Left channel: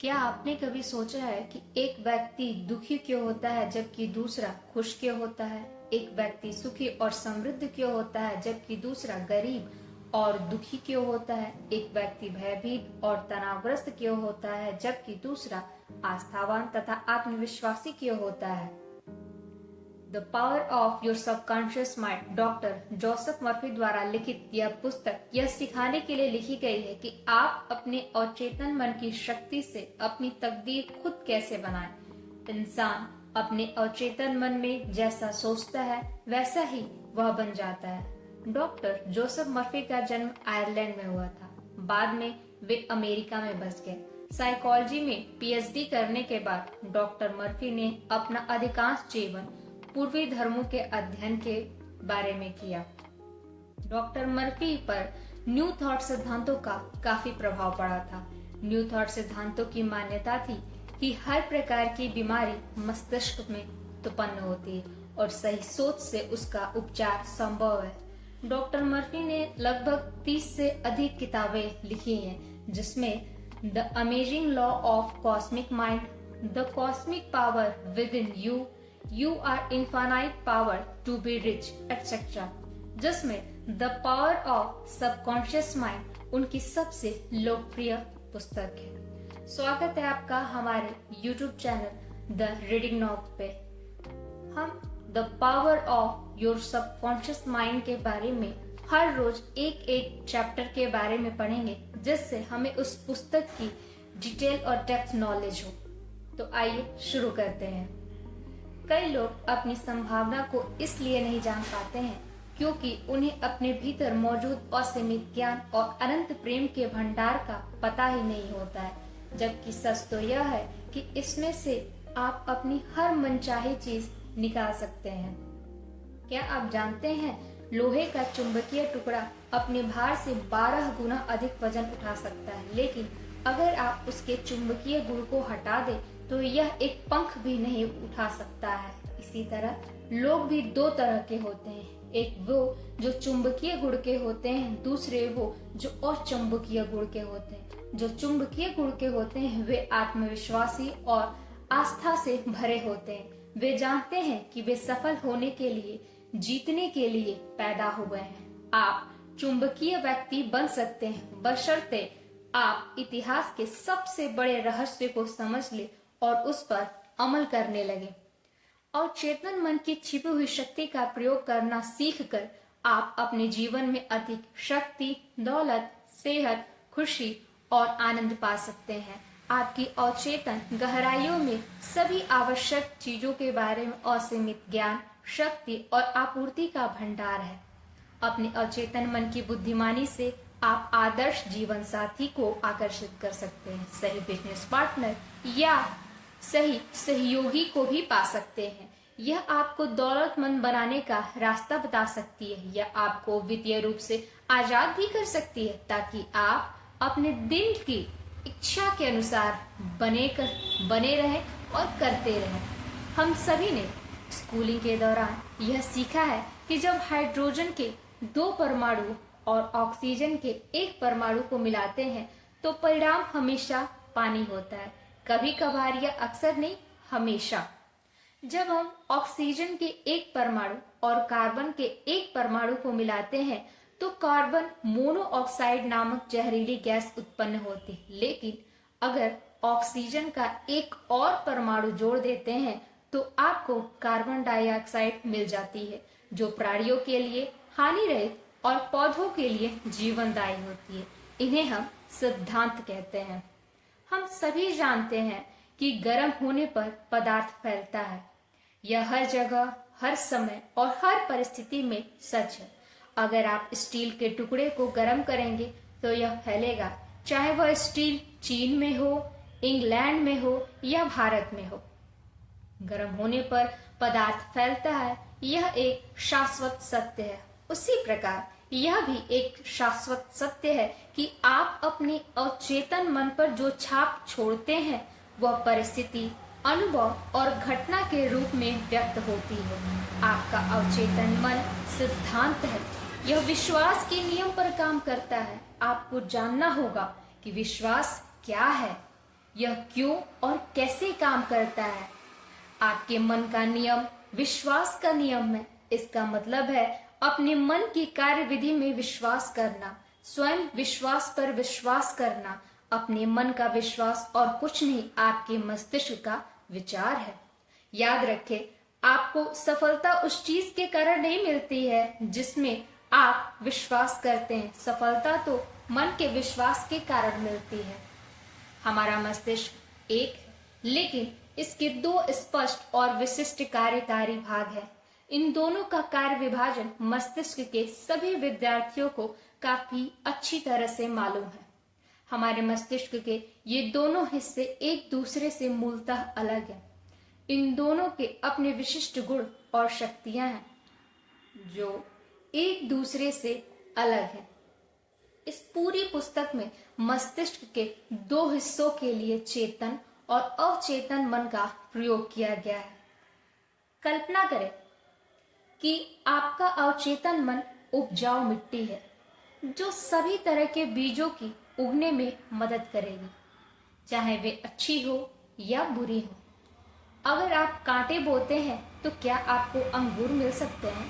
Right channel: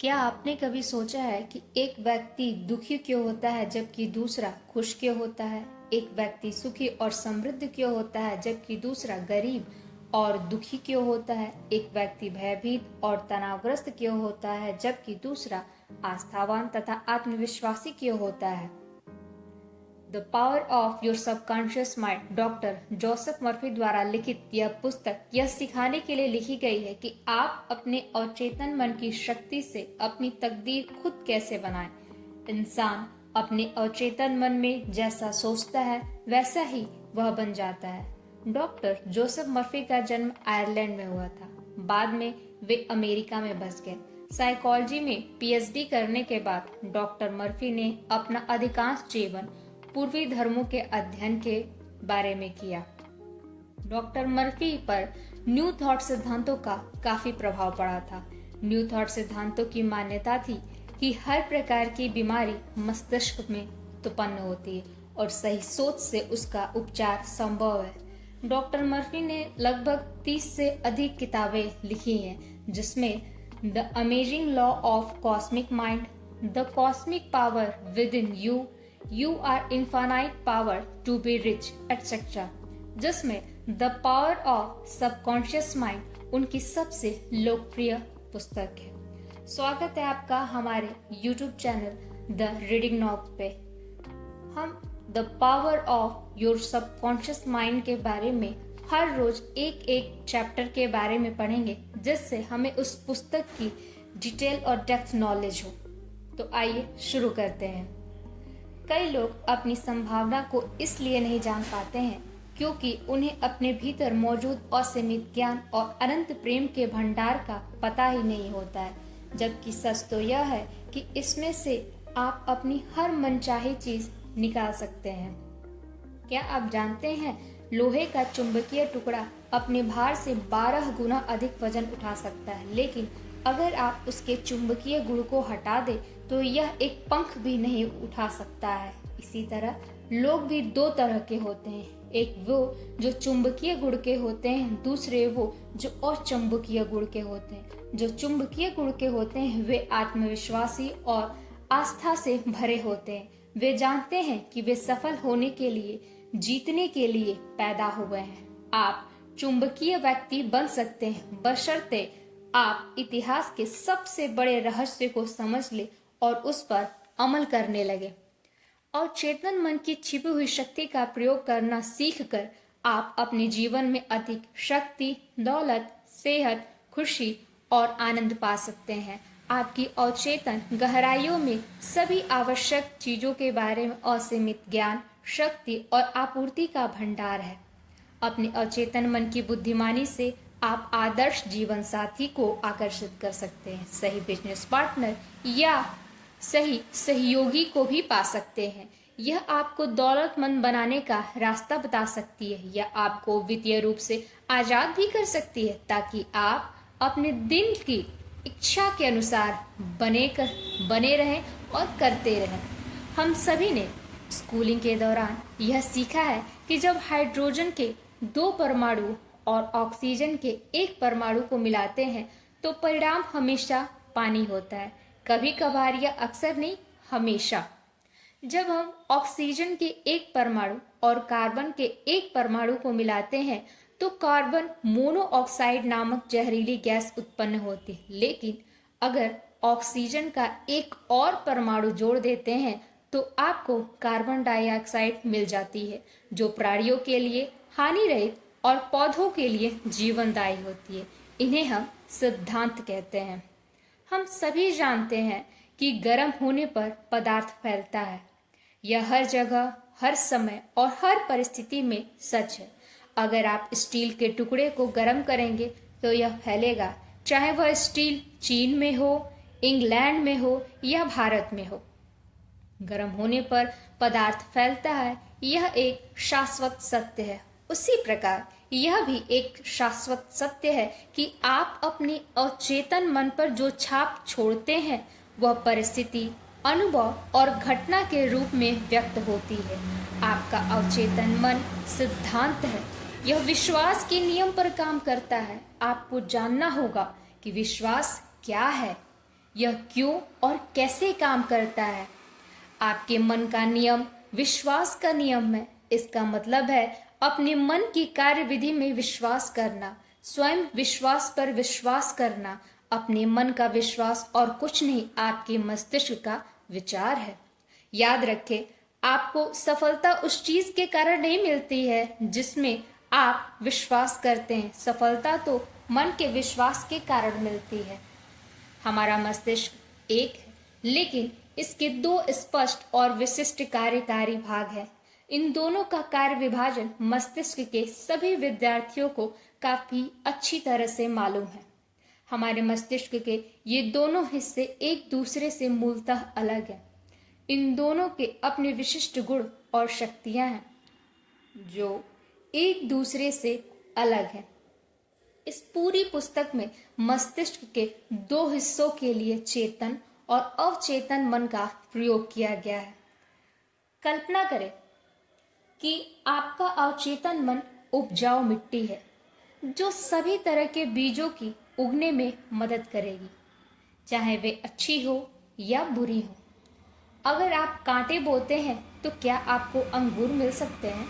क्या आपने कभी सोचा है कि एक व्यक्ति दुखी क्यों होता है जबकि दूसरा खुश क्यों होता है? एक व्यक्ति सुखी और समृद्ध क्यों होता है जबकि दूसरा गरीब और दुखी क्यों होता है? एक व्यक्ति भयभीत और तनावग्रस्त क्यों होता है जबकि दूसरा आस्थावान तथा आत्मविश्वासी क्यों होता है? The power of your subconscious mind doctor Joseph Murphy द्वारा लिखित यह पुस्तक यह सिखाने के लिए लिखी गई है कि आप अपने अवचेतन मन की शक्ति से अपनी तकदीर खुद कैसे बनाएं। इंसान अपने अवचेतन मन में जैसा सोचता है वैसा ही वह बन जाता है। डॉक्टर जोसेफ मर्फी का जन्म आयरलैंड में हुआ था। बाद में वे अमेरिका में बस गए। साइकोलॉजी में पीएचडी करने के बाद डॉक्टर मर्फी ने अपना अधिकांश जीवन पूर्वी धर्मों के अध्ययन के बारे में किया। डॉक्टर मर्फी पर न्यू थॉट सिद्धांतों का काफी प्रभाव पड़ा था। न्यू थॉट सिद्धांतों की मान्यता थी कि हर प्रकार की बीमारी मस्तिष्क में उत्पन्न होती है और सही सोच से उसका उपचार संभव है। डॉक्टर मर्फी ने लगभग 30 से अधिक किताबें लिखी हैं, जिसमें the amazing law of cosmic mind, the cosmic power with in you, You are infinite power to be rich, etc. जिसमें the power of subconscious mind उनकी सबसे लोकप्रिय पुस्तक है। स्वागत है आपका हमारे YouTube channel the reading knob पे। हम the power of your subconscious mind के बारे में हर रोज एक एक चैप्टर के बारे में पढ़ेंगे, जिससे हमें उस पुस्तक की डिटेल और डेप्थ नॉलेज हो। तो आइए शुरू करते हैं। कई लोग अपनी संभावना को इसलिए नहीं जान पाते हैं क्योंकि उन्हें अपने भीतर मौजूद असीमित ज्ञान और अनंत प्रेम के भंडार का पता ही नहीं होता है, जबकि सच तो यह है कि इसमें से आप अपनी हर मनचाही चीज निकाल सकते हैं। क्या आप जानते हैं लोहे का चुंबकीय टुकड़ा अपने भार से 12 गुना अधिक वजन उठा सकता है, लेकिन अगर आप उसके चुंबकीय गुण को हटा दें तो यह एक पंख भी नहीं उठा सकता है। इसी तरह लोग भी दो तरह के होते हैं, एक वो जो चुंबकीय गुण के होते हैं, दूसरे वो जो अचुंबकीय गुण के होते हैं। जो चुंबकीय गुण के होते हैं वे आत्मविश्वासी और आस्था से भरे होते हैं। वे जानते हैं कि वे सफल होने के लिए, जीतने के लिए पैदा हुए हैं। आप चुंबकीय व्यक्ति बन सकते हैं बशर्ते आप इतिहास के सबसे बड़े रहस्य को समझ ले और उस पर अमल करने लगे। और चेतन मन की छिपी हुई शक्ति का प्रयोग करना सीखकर आप अपने जीवन में अधिक शक्ति, दौलत, सेहत, खुशी और आनंद पा सकते हैं। आपकी अवचेतन गहराइयों में सभी आवश्यक चीजों के बारे में असीमित ज्ञान, शक्ति और आपूर्ति का भंडार है। अपने अवचेतन मन की बुद्धिमानी से आप आदर्श जीवन साथी को आकर्षित कर सकते हैं, सही बिजनेस पार्टनर या सही सहयोगी को भी पा सकते हैं। यह आपको दौलतमंद बनाने का रास्ता बता सकती है या आपको वित्तीय रूप से आजाद भी कर सकती है, ताकि आप अपने दिल की इच्छा के अनुसार बने रहें और करते रहें। हम सभी ने स्कूलिंग के दौरान यह सीखा है कि जब हाइड्रोजन के 2 परमाणु और ऑक्सीजन के 1 परमाणु को मिलाते हैं तो परिणाम हमेशा पानी होता है। कभी कभार या अक्सर नहीं, हमेशा। जब हम ऑक्सीजन के 1 परमाणु और कार्बन के 1 परमाणु को मिलाते हैं तो कार्बन मोनोऑक्साइड नामक जहरीली गैस उत्पन्न होती है, लेकिन अगर ऑक्सीजन का 1 और परमाणु जोड़ देते हैं तो आपको कार्बन डाइऑक्साइड मिल जाती है, जो प्राणियों के लिए हानि रहित और पौधों के लिए जीवनदायी होती है। इन्हें हम सिद्धांत कहते हैं। हम सभी जानते हैं कि गर्म होने पर पदार्थ फैलता है। यह हर जगह, हर समय और हर परिस्थिति में सच है। अगर आप स्टील के टुकड़े को गर्म करेंगे तो यह फैलेगा, चाहे वह स्टील चीन में हो, इंग्लैंड में हो या भारत में हो। गर्म होने पर पदार्थ फैलता है, यह एक शाश्वत सत्य है। उसी प्रकार यह भी एक शाश्वत सत्य है कि आप अपने अवचेतन मन पर जो छाप छोड़ते हैं वह परिस्थिति, अनुभव और घटना के रूप में व्यक्त होती है। आपका अवचेतन मन सिद्धांत है। यह विश्वास के नियम पर काम करता है। आपको जानना होगा कि विश्वास क्या है। यह क्यों और कैसे काम करता है। आपके मन का नियम विश्वास का नियम है। इसका मतलब है अपने मन की कार्यविधि में विश्वास करना, स्वयं विश्वास पर विश्वास करना। अपने मन का विश्वास और कुछ नहीं, आपके मस्तिष्क का विचार है। याद रखें, आपको सफलता उस चीज के कारण नहीं मिलती है जिसमें आप विश्वास करते हैं। सफलता तो मन के विश्वास के कारण मिलती है। हमारा मस्तिष्क एक है, लेकिन इसके दो स्पष्ट और विशिष्ट कार्यकारी भाग हैं। इन दोनों का कार्य विभाजन मस्तिष्क के सभी विद्यार्थियों को काफी अच्छी तरह से मालूम है। हमारे मस्तिष्क के ये दोनों हिस्से एक दूसरे से मूलतः अलग हैं। इन दोनों के अपने विशिष्ट गुण और शक्तियां हैं जो एक दूसरे से अलग हैं। इस पूरी पुस्तक में मस्तिष्क के दो हिस्सों के लिए चेतन और अवचेतन मन का प्रयोग किया गया है। कल्पना करें कि आपका अवचेतन मन उपजाऊ मिट्टी है जो सभी तरह के बीजों की उगने में मदद करेगी, चाहे वे अच्छी हो या बुरी हो। अगर आप कांटे बोते हैं तो क्या आपको अंगूर मिल सकते हैं?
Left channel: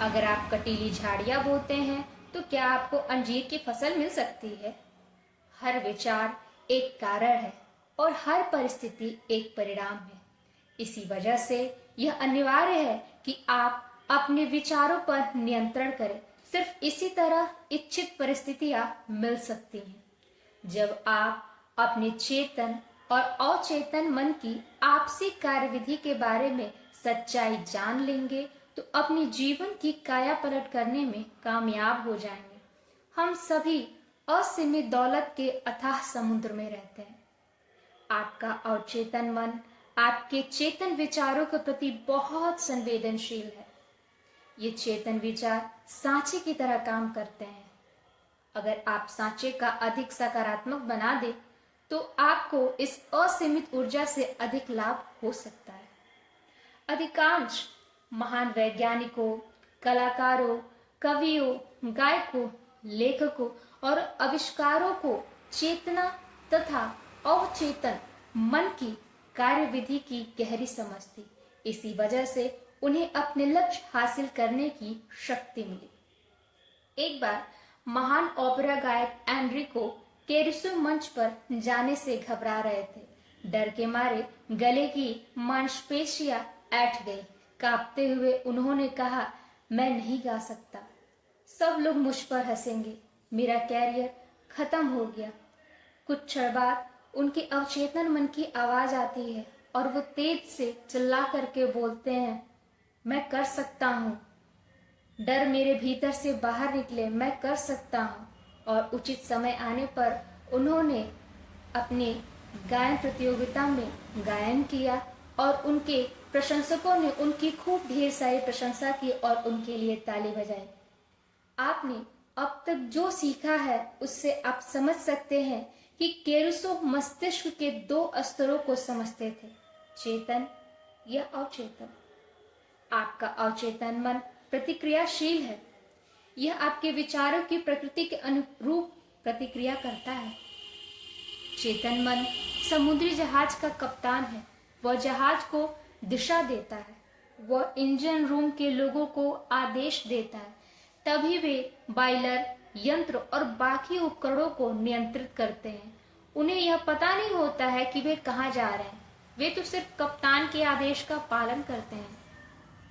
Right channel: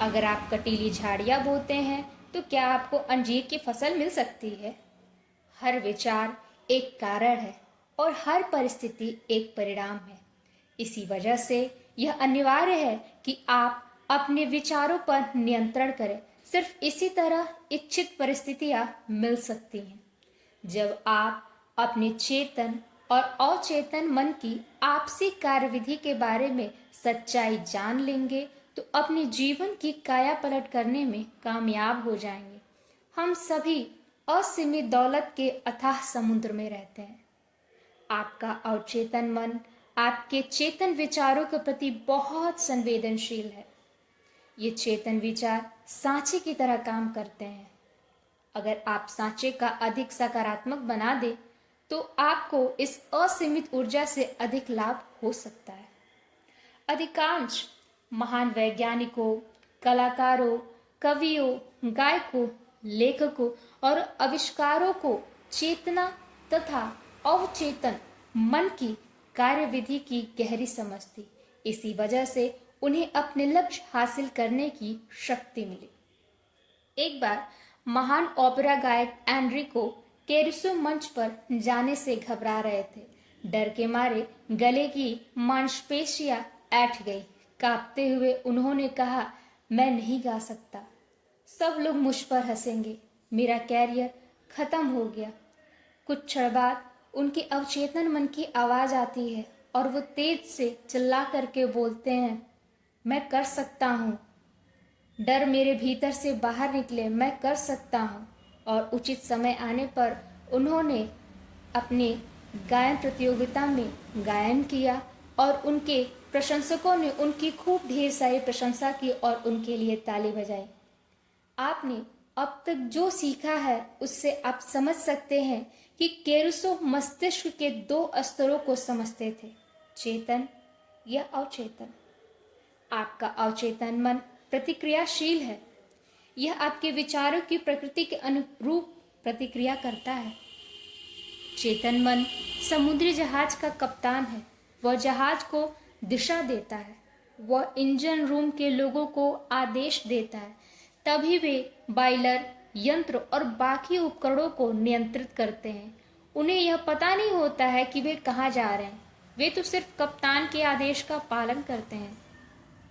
अगर आप कटीली झाड़ियां बोते हैं तो क्या आपको अंजीर की फसल मिल सकती है? हर विचार एक कारण है और हर परिस्थिति एक परिणाम है। इसी वजह से यह अनिवार्य है कि आप अपने विचारों पर नियंत्रण करें। सिर्फ इसी तरह इच्छित परिस्थितियां मिल सकती हैं। जब आप अपने चेतन और अचेतन मन की आपसी कार्यविधि के बारे में सच्चाई जान लेंगे तो अपने जीवन की काया पलट करने में कामयाब हो जाएंगे। हम सभी असीमित दौलत के अथाह समुद्र में रहते हैं। आपका अवचेतन मन आपके चेतन विचारों के प्रति बहुत संवेदनशील है। ये चेतन विचार सांचे की तरह काम करते हैं। अगर आप सांचे का अधिक सकारात्मक बना दें तो आपको इस असीमित ऊर्जा से अधिक लाभ हो सकता है। अधिकांश महान वैज्ञानिकों, कलाकारों, कवियों, गायकों, लेखकों और आविष्कारों को चेतना तथा अवचेतन मन की कार्यविधि की गहरी समझ थी। इसी वजह से उन्हें अपने लक्ष्य हासिल करने की शक्ति मिली। एक बार महान ओपेरा गायक एनरिको कैरुसो मंच पर जाने से घबरा रहे थे। डर के मारे गले की मांसपेशियां ऐंठ गई। कांपते हुए उन्होंने कहा, मैं नहीं गा सकता। सब लोग मुझ पर हंसेंगे। मेरा कैरियर खत्म हो गया। कुछ क्षण बाद उनके अवचेतन मन की आवाज आती है और वो तेज से चिल्ला करके बोलते हैं, मैं कर सकता हूँ। डर मेरे भीतर से बाहर निकले, मैं कर सकता हूँ। और उचित समय आने पर उन्होंने अपनी गायन प्रतियोगिता में गायन किया और उनके प्रशंसकों ने उनकी खूब ढेर सारी प्रशंसा की और उनके लिए ताली बजाई। आपने अब तक जो सीखा है उससे आप समझ सकते हैं कि कैरुसो मस्तिष्क के दो स्तरों को समझते थे, चेतन या अवचेतन। आपका अवचेतन मन प्रतिक्रियाशील है। यह आपके विचारों की प्रकृति के अनुरूप प्रतिक्रिया करता है। चेतन मन समुद्री जहाज का कप्तान है। वह जहाज को दिशा देता है। वह इंजन रूम के लोगों को आदेश देता है। तभी वे बॉयलर, यंत्र और बाकी उपकरणों को नियंत्रित करते हैं। उन्हें यह पता नहीं होता है कि वे कहाँ जा रहे हैं। वे तो सिर्फ कप्तान के आदेश का पालन करते हैं।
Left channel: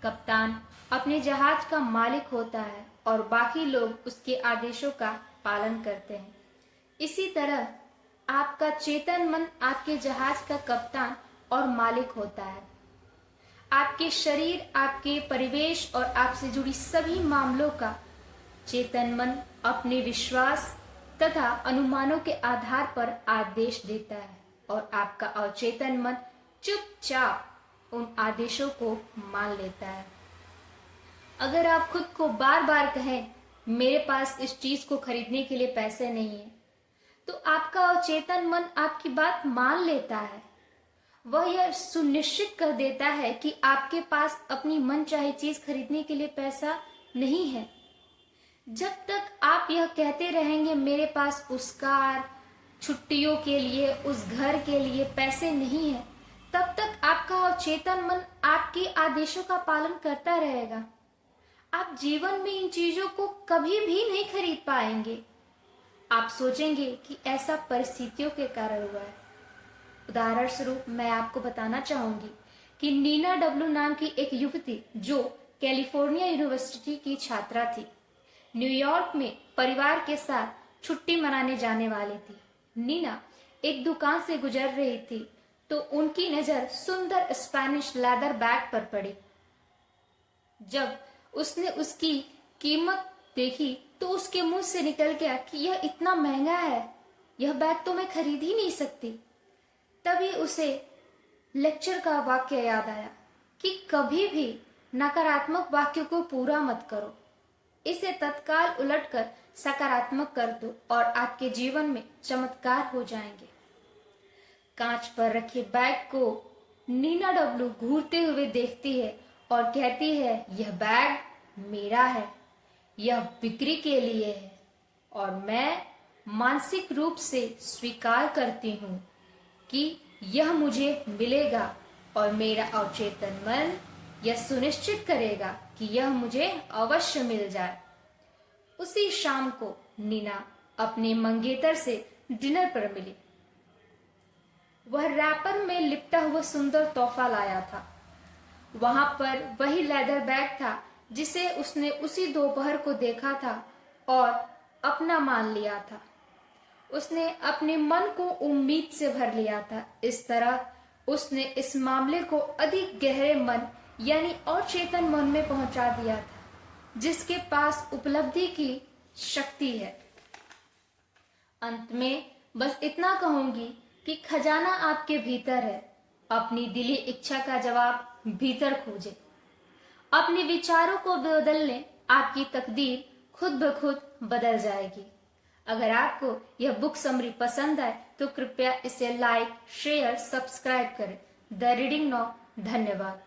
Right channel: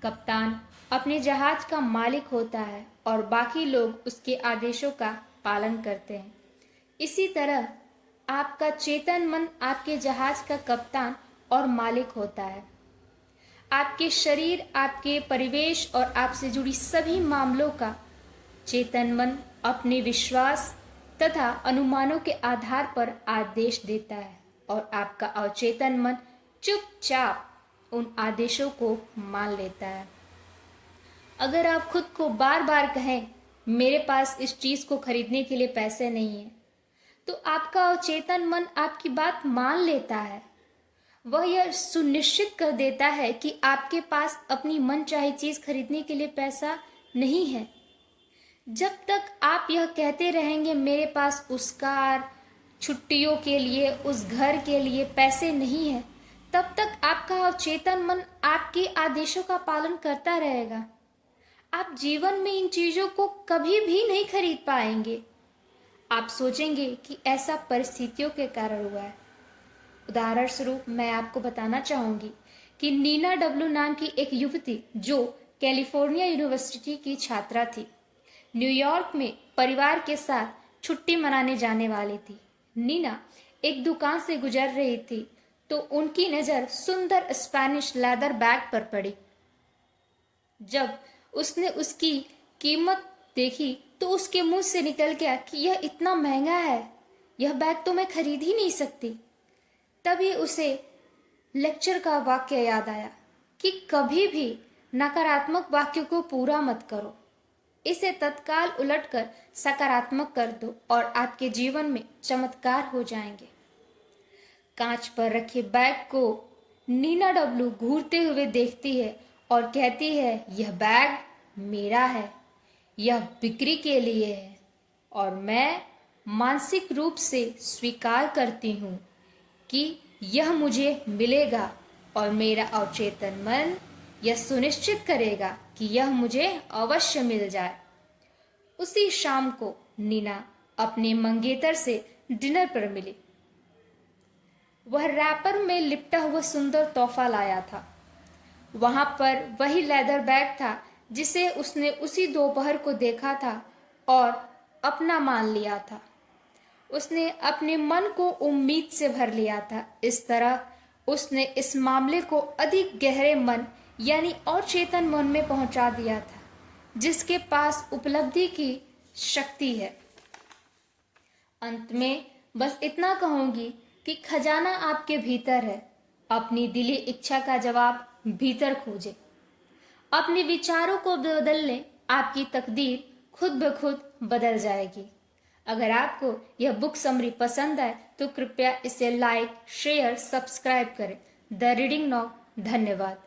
कप्तान अपने जहाज का मालिक होता है और बाकी लोग उसके आदेशों का पालन करते हैं। इसी तरह आपका चेतन मन आपके जहाज का कप्तान और मालिक होता है। आपके शरीर, आपके परिवेश और आपसे जुड़ी सभी मामलों का चेतन मन अपने विश्वास तथा अनुमानों के आधार पर आदेश देता है और आपका अवचेतन मन चुपचाप उन आदेशों को मान लेता है। अगर आप खुद को बार बार कहें, मेरे पास इस चीज को खरीदने के लिए पैसे नहीं है, तो आपका अवचेतन मन आपकी बात मान लेता है। वह यह सुनिश्चित कर देता है कि आपके पास अपनी मनचाही चीज खरीदने के लिए पैसा नहीं है। जब तक आप यह कहते रहेंगे, मेरे पास उस कार, छुट्टियों के लिए, उस घर के लिए पैसे नहीं है, तब तक आपका अवचेतन मन आपके आदेशों का पालन करता रहेगा। आप जीवन में इन चीजों को कभी भी नहीं खरीद पाएंगे। आप सोचेंगे कि ऐसा परिस्थितियों के कारण हुआ है। उदाहरण स्वरूप मैं आपको बताना चाहूंगी कि नीना डब्लू नाम की एक युवती जो कैलिफोर्निया यूनिवर्सिटी की छात्रा थी, न्यूयॉर्क में परिवार के साथ छुट्टी मनाने जाने वाली थी। नीना एक दुकान से गुजर रही थी तो उनकी नजर सुंदर स्पेनिश लेदर बैग पर पड़ी। जब उसने उसकी कीमत देखी तो उसके मुंह से निकल गया कि यह इतना महंगा है, यह बैग तो मैं खरीद ही नहीं सकती। तभी उसे लेक्चर का वाक्य याद आया कि कभी भी नकारात्मक वाक्य को पूरा मत करो, इसे तत्काल उलटकर सकारात्मक कर दो और आपके जीवन में चमत्कार हो जाएंगे। कांच पर रखे बैग को नीना डब्लू घूरते हुए देखती है और कहती है, यह बैग मेरा है, यह बिक्री के लिए है और मैं मानसिक रूप से स्वीकार करती हूँ कि यह मुझे मिलेगा और मेरा अवचेतन मन यह सुनिश्चित करेगा कि यह मुझे अवश्य मिल जाए। उसी शाम को नीना अपने मंगेतर से डिनर पर मिली। वह रैपर में लिपटा हुआ सुंदर तोहफा लाया था। वहां पर वही लेदर बैग था जिसे उसने उसी दोपहर को देखा था और अपना मान लिया था। उसने अपने मन को उम्मीद से भर लिया था। इस तरह उसने इस मामले को अधिक गहरे मन यानी और चेतन मन में पहुंचा दिया था, जिसके पास उपलब्धि की शक्ति है। अंत में बस इतना कहूंगी कि खजाना आपके भीतर है। अपनी दिली इच्छा का जवाब भीतर खोजें। अपने विचारों को बदलने आपकी तकदीर खुद ब खुद बदल जाएगी। अगर आपको यह बुक समरी पसंद आए तो कृपया इसे लाइक, शेयर, सब्सक्राइब करें। The reading now. धन्यवाद।